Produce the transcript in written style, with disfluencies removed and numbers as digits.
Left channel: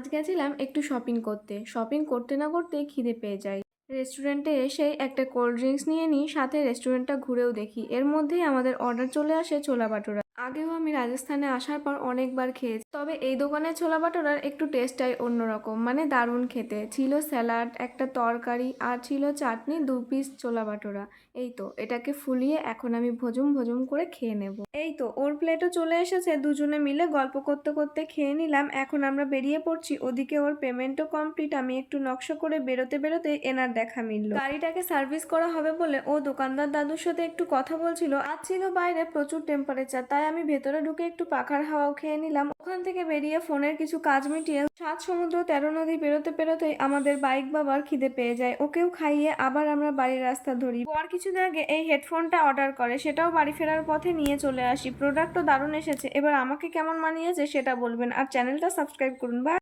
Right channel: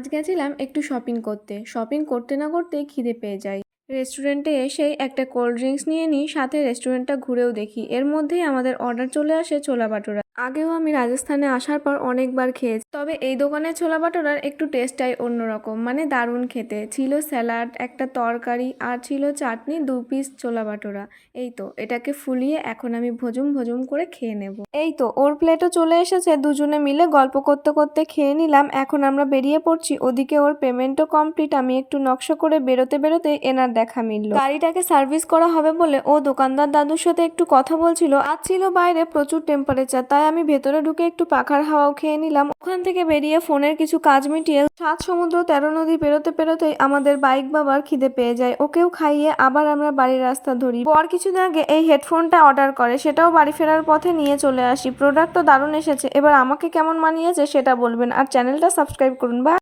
আজ গেছিলাম একটু শপিং করতে। শপিং করতে না করতেই খিদে পেয়ে যায়। রেস্টুরেন্টে এসেই একটা কোল্ড ড্রিঙ্কস নিয়ে নিই, সাথে রেস্টুরেন্টটা ঘুরেও দেখি। এর মধ্যেই আমাদের অর্ডার চলে আসে ছোলা ভাটুরা। আগেও আমি রাজস্থানে আসার পর অনেকবার খেয়েছি, তবে এই দোকানের ছোলা ভাটুরার একটু টেস্টটাই অন্যরকম, মানে দারুণ খেতে ছিল। স্যালাড, একটা তরকারি আর ছিল চাটনি, 2 পিস ছোলা ভাটুরা। এই তো এটাকে ফুলিয়ে এখন আমি ভজুম ভজুম করে খেয়ে নেব। এই তো ওর প্লেটও চলে এসেছে, দুজনে মিলে গল্প করতে করতে খেয়ে নিলাম। এখন আমরা বেরিয়ে পড়ছি, ওদিকে ওর পেমেন্টও কমপ্লিট। আমি একটু নকশা করে বেরোতে বেরোতে এনার দেখা মিলল। গাড়িটাকে সার্ভিস করা হবে বলে ও দোকানদার দাদুর সাথে একটু কথা বলছিল। আজ ছিল বাইরে প্রচুর টেম্পারেচার, তাই আমি ভেতরে ঢুকে একটু পাখার হাওয়াও খেয়ে নিলাম। ওখান থেকে বেরিয়ে ফোনের কিছু কাজ মিটিয়ে 7 সমুদ্র 13 নদী পেরোতে পেরোতেই আমাদের বাইক বাবার খিদে পেয়ে যায়। ওকেও খাইয়ে আবার আমরা বাড়ির রাস্তা ধরি। পর কিছুদিন আগে এই হেডফোনটা অর্ডার করে, সেটাও বাড়ি ফেরার পথে নিয়ে চলে আসি। প্রোডাক্ট তো দারুণ এসেছে, এবার আমাকে কেমন মানিয়েছে সেটা বলবেন আর চ্যানেলটা সাবস্ক্রাইব করুন। বা